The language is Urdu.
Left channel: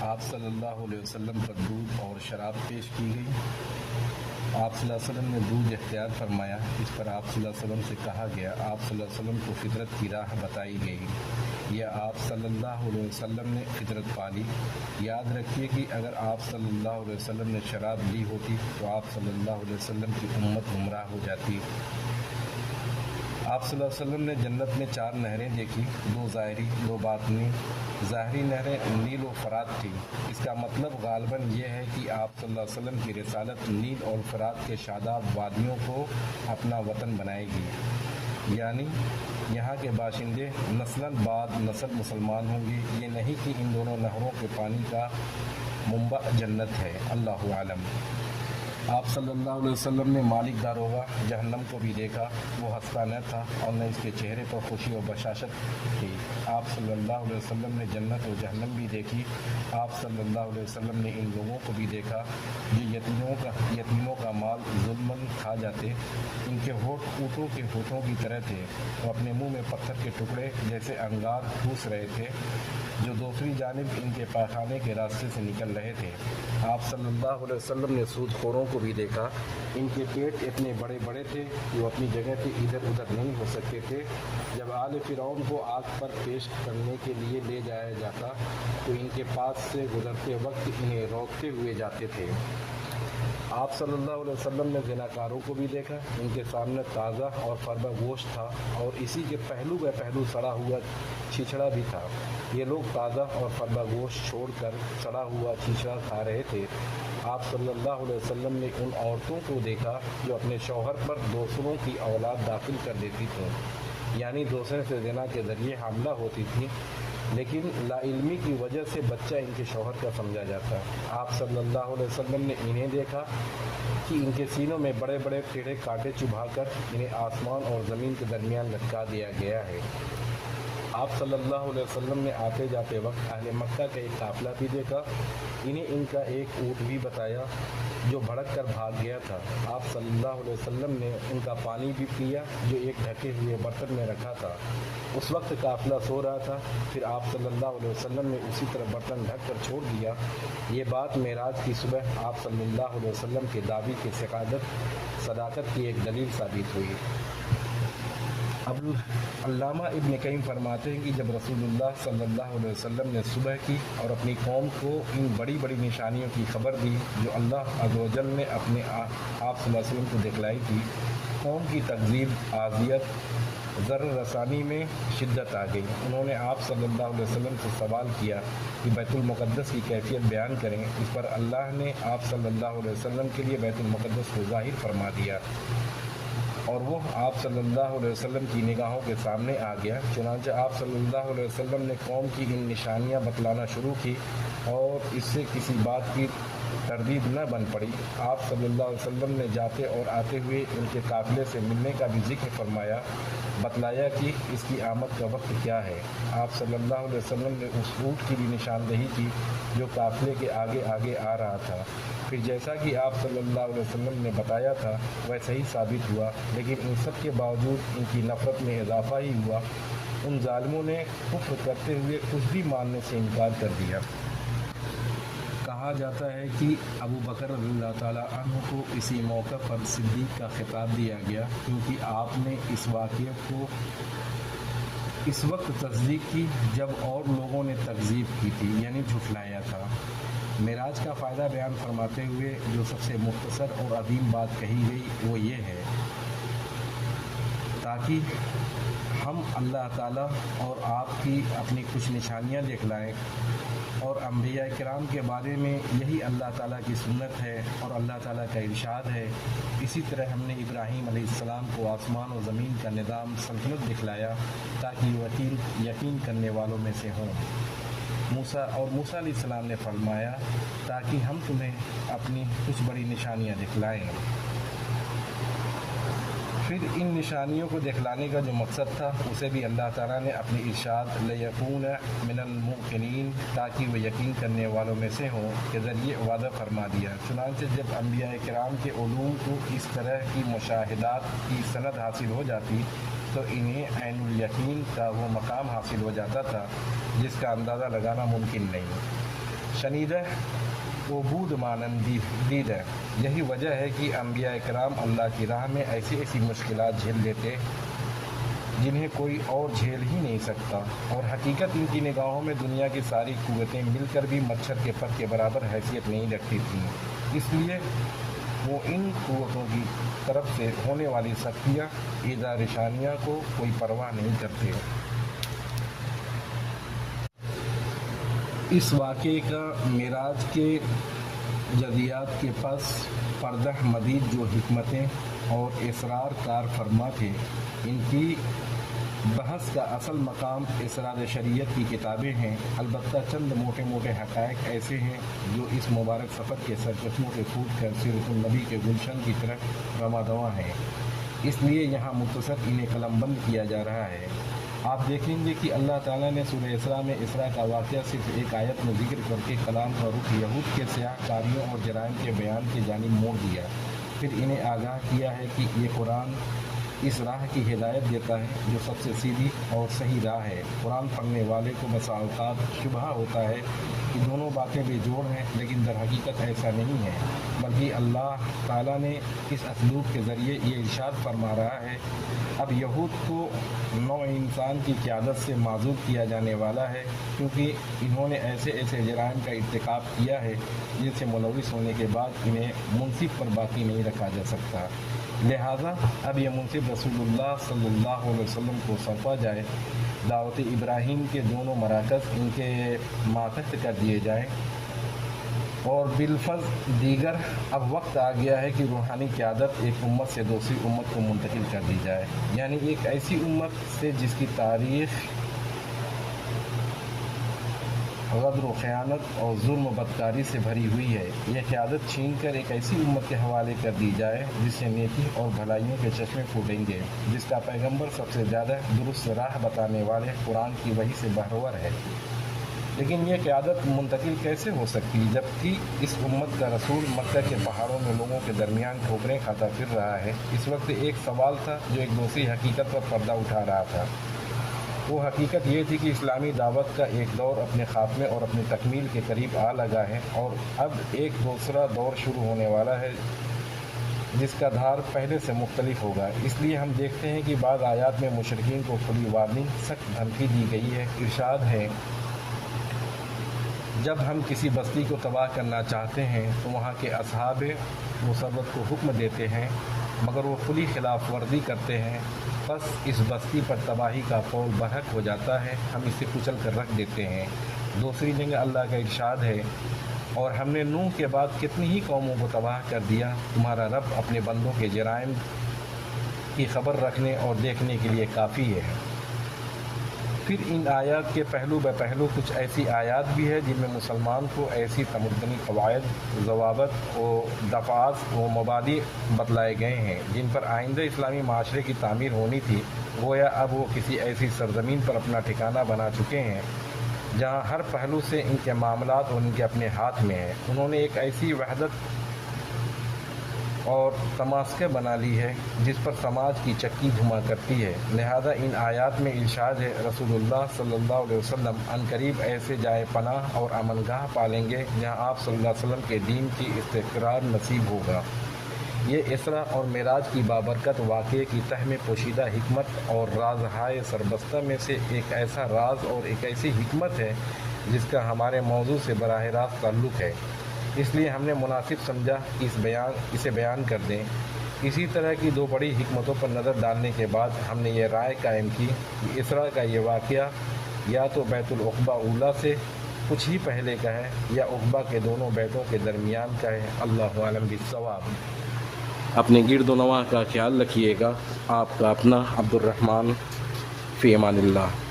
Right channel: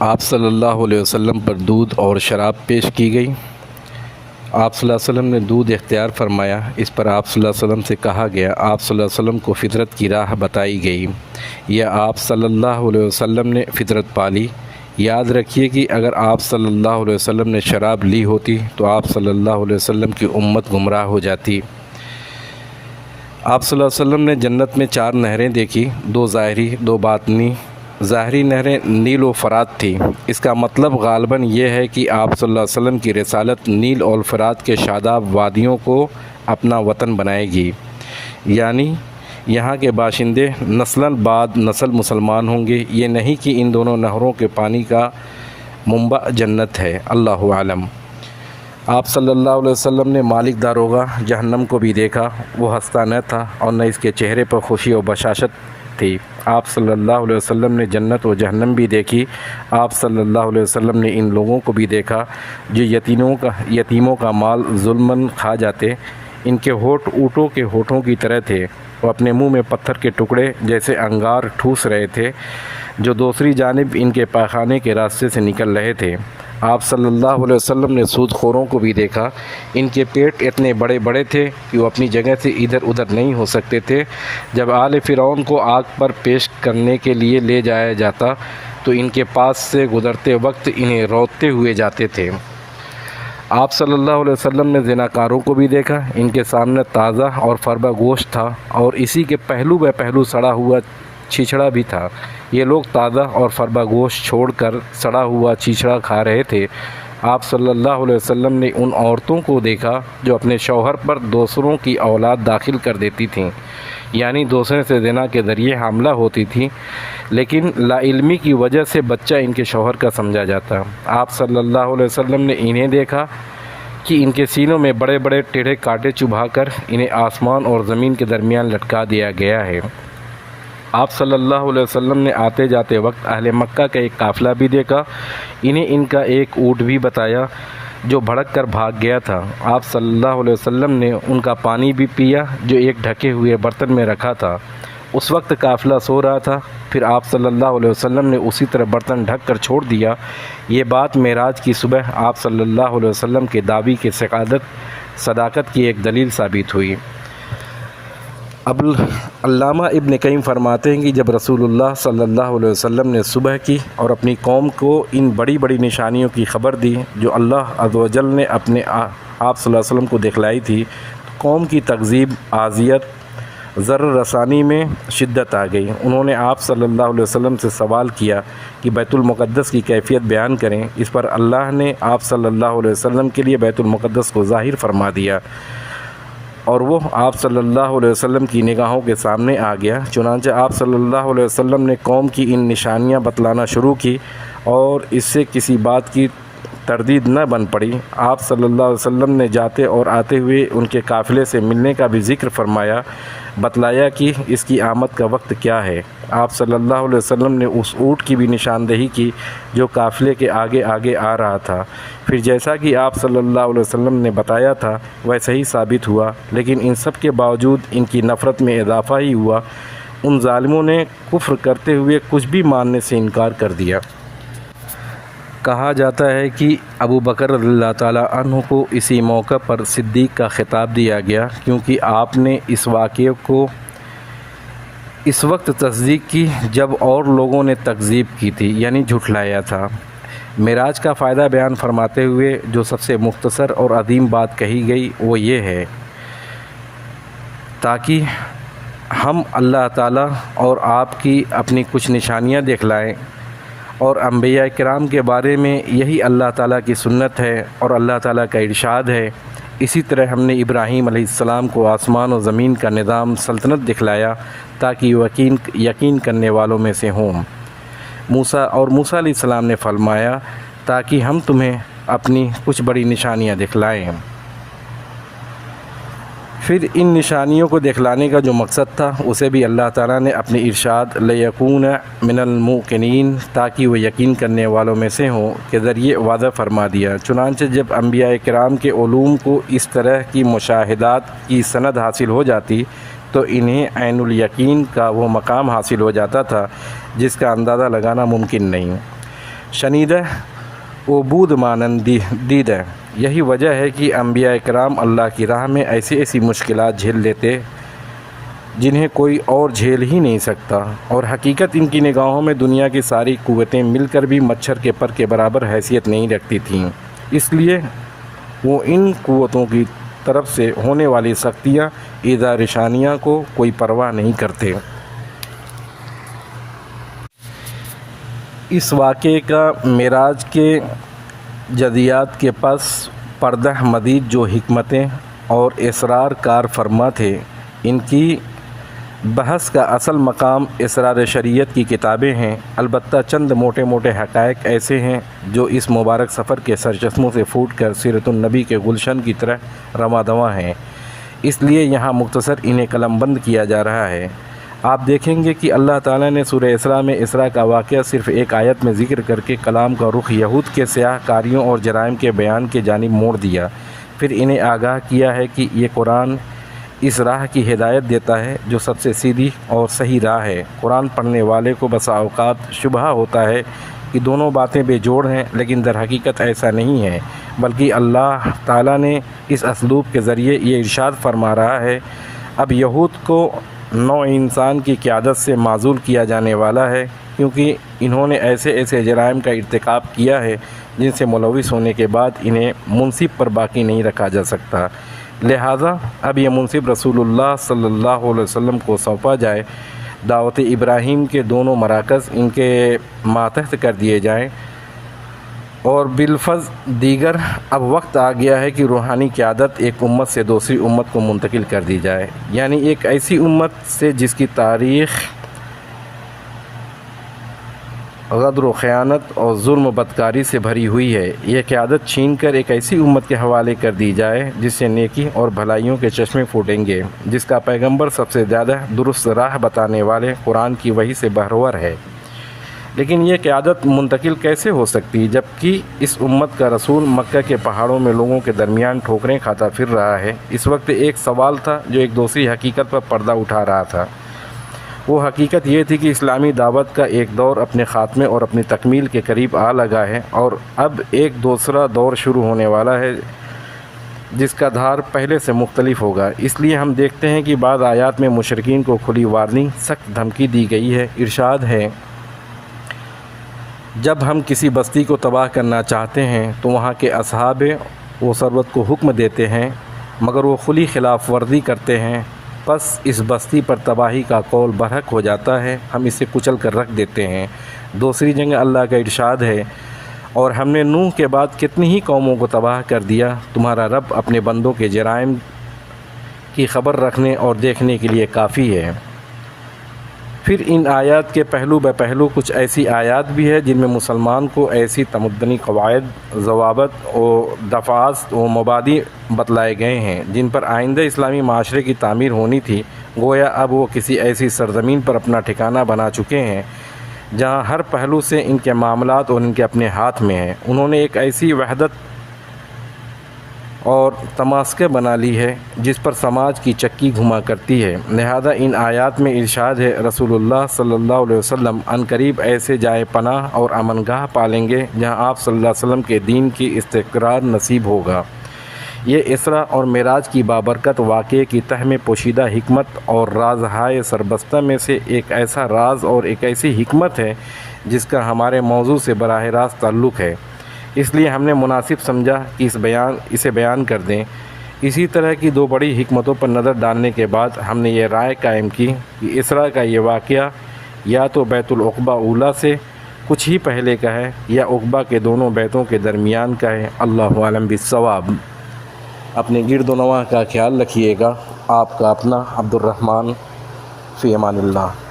آپ صلی اللہ علیہ وسلم پر دودھ اور شراب پیش کی گئی۔ آپ صلی اللہ علیہ وسلم نے دودھ اختیار فرمایا۔ اس پر آپ صلی اللہ علیہ وسلم سے کہا گیا، آپ صلی اللہ علیہ وسلم کو فطرت کی راہ بتائی گئی یا آپ صلی اللہ علیہ وسلم نے فطرت پالی۔ یاد رکھیے کہ اگر آپ صلی اللہ علیہ وسلم نے شراب لی ہوتی تو آپ صلی اللہ علیہ وسلم کی امت گمراہ ہو جاتی۔ آپ صلی اللہ علیہ وسلم نے جنت میں 4 نہریں دیکھی، 2 ظاہری 2 باطنی۔ ظاہری نہریں نیل و فرات تھی۔ اس کا مطلب غالباً یہ ہے کہ آپ صلی اللہ علیہ وسلم کی رسالت نیل اور فرات کے شاداب وادیوں کو اپنا وطن بنائے گی، یعنی یہاں کے باشندے نسلاً بعد نسل مسلمان ہوں گے۔ یہ نہیں کہ ان دونوں نہروں کے پانی کا منبع جنت ہے، اللہ عالم۔ آپ صلی اللہ علیہ وسلم نے مالک داروغہ جہنم کو بھی دیکھا۔ وہ ہنستا نہ تھا اور نہ اس کے چہرے پر خوشی و بشاشت تھی۔ آپ صلی اللہ علیہ وسلم نے جنت و جہنم بھی دیکھی۔ آپ صلی اللہ علیہ وسلم نے ان لوگوں کو بھی دیکھا جو یتیموں کا مال ظلماً کھا جاتے۔ ان کے ہونٹ اونٹوں کے ہونٹوں کی طرح تھے۔ وہ اپنے منہ میں پتھر کے ٹکڑے جیسے انگار ٹھوس رہے تھے جو دوسری جانب ان کے پاخانے کے راستے سے نکل رہے تھے۔ آپ صلی اللہ علیہ وسلم نے سود خوروں کو بھی دیکھا۔ ان کے پیٹ اتنے بڑے بڑے تھے کہ وہ اپنی جگہ سے ادھر ادھر نہیں ہو سکتے تھے۔ جب آل فرعون کو آگ پر پیش کرنے کے لیے لے جایا جاتا تو ان کے پاس سے گزرتے وقت انہیں روتے ہوئے جاتے تھے۔ آپ صلی اللہ علیہ وسلم نے زناکاروں کو بھی دیکھا۔ ان کے سامنے تازہ اور فربہ گوشت تھا اور اسی کے پہلو بہ پہلو سڑا ہوا چھچھڑا بھی تھا۔ یہ لوگ تازہ اور فربہ گوشت چھوڑ کر سڑا ہوا چھچھڑا کھا رہے تھے۔ آپ صلی اللہ علیہ وسلم نے ان عورتوں کو دیکھا جو اپنے شوہر پر دوسروں کی اولاد داخل کر دیتی تھیں، یعنی دوسرے سے زنا کے ذریعے حاملہ ہوتی تھیں، لیکن لا علمی کی وجہ سے بچہ ان کے شوہر کا سمجھا جاتا۔ آپ صلی اللہ علیہ وسلم نے انہیں دیکھا کہ ان کے سینوں میں بڑے بڑے ٹیڑھے کانٹے چبھا کر انہیں آسمان اور زمین کے درمیان لٹکا دیا گیا ہے۔ آپ صلی اللہ علیہ وسلم نے آتے جاتے وقت اہل مکہ کا ایک قافلہ بھی دیکھا۔ انہیں ان کا ایک اونٹ بھی بتایا جو بھڑک کر بھاگ گیا تھا۔ آپ صلی اللہ علیہ وسلم نے ان کا پانی بھی پیا جو ایک ڈھکے ہوئے برتن میں رکھا تھا۔ اس وقت قافلہ سو رہا تھا، پھر آپ صلی اللہ علیہ وسلم نے اسی طرح برتن ڈھک کر چھوڑ دیا۔ یہ بات معراج کی صبح آپ صلی اللہ علیہ وسلم کے دعوی کی صداقت کی ایک دلیل ثابت ہوئی۔ اب علامہ ابن قیم فرماتے ہیں کہ جب رسول اللہ صلی اللہ علیہ وسلم نے صبح کی اور اپنی قوم کو ان بڑی بڑی نشانیوں کی خبر دی جو اللہ عز و جل نے اپنے آپ صلی اللہ علیہ وسلم کو دکھلائی تھی، قوم کی تکذیب، اذیت، ضرر رسانی میں شدت آ گئی۔ انہوں نے آپ صلی اللہ علیہ وسلم سے سوال کیا کہ بیت المقدس کی کیفیت بیان کریں۔ اس پر اللہ نے آپ صلی اللہ علیہ وسلم کے لیے بیت المقدس کو ظاہر فرما دیا اور وہ آپ صلی اللہ علیہ وسلم کی نگاہوں کے سامنے آ گیا۔ چنانچہ آپ صلی اللہ علیہ وسلم نے قوم کی ان نشانیاں بتلانا شروع کی اور اس سے کسی بات کی تردید نہ بن پڑی۔ آپ صلی اللہ علیہ وسلم نے جاتے اور آتے ہوئے ان کے قافلے سے ملنے کا بھی ذکر فرمایا، بتلایا کہ اس کی آمد کا وقت کیا ہے۔ آپ صلی اللہ علیہ وسلم نے اس اونٹ کی بھی نشاندہی کی جو قافلے کے آگے آگے آ رہا تھا۔ پھر جیسا کہ آپ صلی اللہ علیہ وسلم نے بتایا تھا ویسا ہی ثابت ہوا، لیکن ان سب کے باوجود ان کی نفرت میں اضافہ ہی ہوا۔ ان ظالموں نے کفر کرتے ہوئے کچھ بھی ماننے سے انکار کر دیا۔ کہا جاتا ہے کہ ابو بکر رضی اللہ تعالیٰ عنہ کو اسی موقع پر صدیق کا خطاب دیا گیا کیونکہ آپ نے اس واقعے کو اس وقت تصدیق کی جب اور لوگوں نے تکذیب کی تھی، یعنی جھٹلایا تھا۔ معراج کا فائدہ بیان فرماتے ہوئے جو سب سے مختصر اور عظیم بات کہی گئی وہ یہ ہے تاکہ ہم اللہ تعالیٰ اور آپ کی اپنی کچھ نشانیاں دکھلائیں، اور انبیاء کرام کے بارے میں یہی اللہ تعالیٰ کی سنت ہے اور اللہ تعالیٰ کا ارشاد ہے۔ اسی طرح ہم نے ابراہیم علیہ السلام کو آسمان و زمین کا نظام سلطنت دکھلایا تاکہ یقین کرنے والوں میں سے ہوں۔ موسیٰ علیہ السلام نے فرمایا تاکہ ہم تمہیں اپنی کچھ بڑی نشانیاں دکھلائیں۔ پھر ان نشانیوں کو دکھلانے کا جو مقصد تھا اسے بھی اللہ تعالیٰ نے اپنی ارشاد لِیَکُونَ مِنَ الْمُوقِنِینَ تاکہ وہ یقین کرنے والوں میں سے ہوں کے ذریعے واضح فرما دیا۔ چنانچہ جب انبیاء کرام کے علوم کو اس طرح کی مشاہدات کی سند حاصل ہو جاتی تو انہیں عین الیقین کا وہ مقام حاصل ہو جاتا تھا جس کا اندازہ لگانا ممکن نہیں۔ شنیدہ عبود مانند دیدہ۔ یہی وجہ ہے کہ انبیاء کرام اللہ کی راہ میں ایسی ایسی مشکلات جھیل لیتے جنہیں کوئی اور جھیل ہی نہیں سکتا، اور حقیقت ان کی نگاہوں میں دنیا کی ساری قوتیں مل کر بھی مچھر کے پر کے برابر حیثیت نہیں رکھتی تھیں، اس لیے وہ ان قوتوں کی طرف سے ہونے والی سختیاں، ایذا رشانیاں کو کوئی پرواہ نہیں کرتے۔ اس واقعے کا معراج کے جزیات کے پس پردہ مزید جو حکمتیں اور اسرار کار فرما تھے، ان کی بحث کا اصل مقام اسرار شریعت کی کتابیں ہیں۔ البتہ چند موٹے موٹے حقائق ایسے ہیں جو اس مبارک سفر کے سرچشموں سے پھوٹ کر سیرت النبی کے گلشن کی طرح رواں دواں ہیں، اس لیے یہاں مختصر انہیں قلم بند کیا جا رہا ہے۔ آپ دیکھیں گے کہ اللہ تعالیٰ نے سورہ اسراء میں اسراء کا واقعہ صرف ایک آیت میں ذکر کر کے کلام کا رخ یہود کے سیاہ کاریوں اور جرائم کے بیان کے جانب موڑ دیا، پھر انہیں آگاہ کیا ہے کہ یہ قرآن اس راہ کی ہدایت دیتا ہے جو سب سے سیدھی اور صحیح راہ ہے۔ قرآن پڑھنے والے کو بسا اوقات شبہ ہوتا ہے کہ دونوں باتیں بے جوڑ ہیں، لیکن در حقیقت ایسا نہیں ہے، بلکہ اللہ تعالیٰ نے اس اسلوب کے ذریعے یہ ارشاد فرما رہا ہے، اب یہود کو نوع انسان کی قیادت سے معزول کیا جانے والا ہے، کیونکہ انہوں نے ایسے ایسے جرائم کا ارتکاب کیا ہے جن سے ملوث ہونے کے بعد انہیں منصب پر باقی نہیں رکھا جا سکتا، لہٰذا اب یہ منصب رسول اللہ صلی اللہ علیہ وسلم کو سونپا جائے، دعوت ابراہیم کے دونوں مراکز ان کے ماتحت کر دیے جائیں، اور بالفظ دیگر اب وقت آ گیا ہے کہ روحانی قیادت ایک امت سے دوسری امت کو منتقل کر دی جائے، یعنی ایک ایسی امت سے جس کی تاریخ غدر و خیانت اور ظلم و بدکاری سے بھری ہوئی ہے، یہ قیادت چھین کر ایک ایسی امت کے حوالے کر دی جائے جس سے نیکی اور بھلائیوں کے چشمے پھوٹیں گے، جس کا پیغمبر سب سے زیادہ درست راہ بتانے والے قرآن کی وحی سے بہرور ہے۔ لیکن یہ قیادت منتقل کیسے ہو سکتی جبکہ اس امت کا رسول مکہ کے پہاڑوں میں لوگوں کے درمیان ٹھوکریں کھاتا پھر رہا ہے؟ اس وقت ایک سوال تھا جو ایک دوسری حقیقت پر پردہ اٹھا رہا تھا۔ وہ حقیقت یہ تھی کہ اسلامی دعوت کا ایک دور اپنے خاتمے اور اپنی تکمیل کے قریب آ لگا ہے، اور اب ایک دوسرا دور شروع ہونے والا ہے جس کا دھار پہلے سے مختلف ہوگا۔ اس لیے ہم دیکھتے ہیں کہ بعض آیات میں مشرکین کو کھلی وارننگ، سخت دھمکی دی گئی ہے۔ ارشاد ہے، جب ہم کسی بستی کو تباہ کرنا چاہتے ہیں تو وہاں کے اصحاب و ثروت کو حکم دیتے ہیں، مگر وہ کھلی خلاف ورزی کرتے ہیں، پس اس بستی پر تباہی کا قول برحق ہو جاتا ہے، ہم اسے کچل کر رکھ دیتے ہیں۔ دوسری جگہ اللہ کا ارشاد ہے، اور ہم نے نوح کے بعد کتنی ہی قوموں کو تباہ کر دیا، تمہارا رب اپنے بندوں کے جرائم کی خبر رکھنے اور دیکھنے کے لیے کافی ہے۔ پھر ان آیات کے پہلو بہ پہلو کچھ ایسی آیات بھی ہے جن میں مسلمان کو ایسی تمدنی قواعد، ضوابط و دفعات و مبادی بتلائے گئے ہیں جن پر آئندہ اسلامی معاشرے کی تعمیر ہونی تھی، گویا اب وہ کسی ایسی سرزمین پر اپنا ٹھکانہ بنا چکے ہیں جہاں ہر پہلو سے ان کے معاملات اور ان کے اپنے ہاتھ میں ہیں۔ انہوں نے ایک ایسی وحدت اور تماسکہ بنا لی ہے جس پر سماج کی چکی گھما کرتی ہے، لہذا ان آیات میں ارشاد ہے، رسول اللہ صلی اللہ علیہ وسلم عنقریب ایسے جائے پناہ اور امن گاہ پالیں گے جہاں آپ صلی اللہ علیہ وسلم کے دین کی استقرار نصیب ہوگا۔ یہ اسراء اور معراج کی بابرکت واقعے کی تہ میں پوشیدہ حکمت اور رازہائے سربستہ میں سے ایک ایسا راز اور ایک ایسی حکمت ہے جس کا ہمارے موضوع سے براہ راست تعلق ہے، اس لیے ہم نے مناسب سمجھا کہ اسے بیان کر دیں۔ اسی طرح کی دو بڑی حکمتوں پر نظر ڈالنے کے بعد ہم نے یہ رائے قائم کی کہ اسراء کا یہ واقعہ یا تو بیت العقبہ اولیٰ سے کچھ ہی پہلے کا ہے یا عقبہ کے دونوں بیتوں کے درمیان کا ہے۔ اللہ عالم بالصواب۔ اپنے گرد و نواح کا خیال رکھیے گا۔ آپ کا اپنا عبد الرحمن، فی امان اللہ۔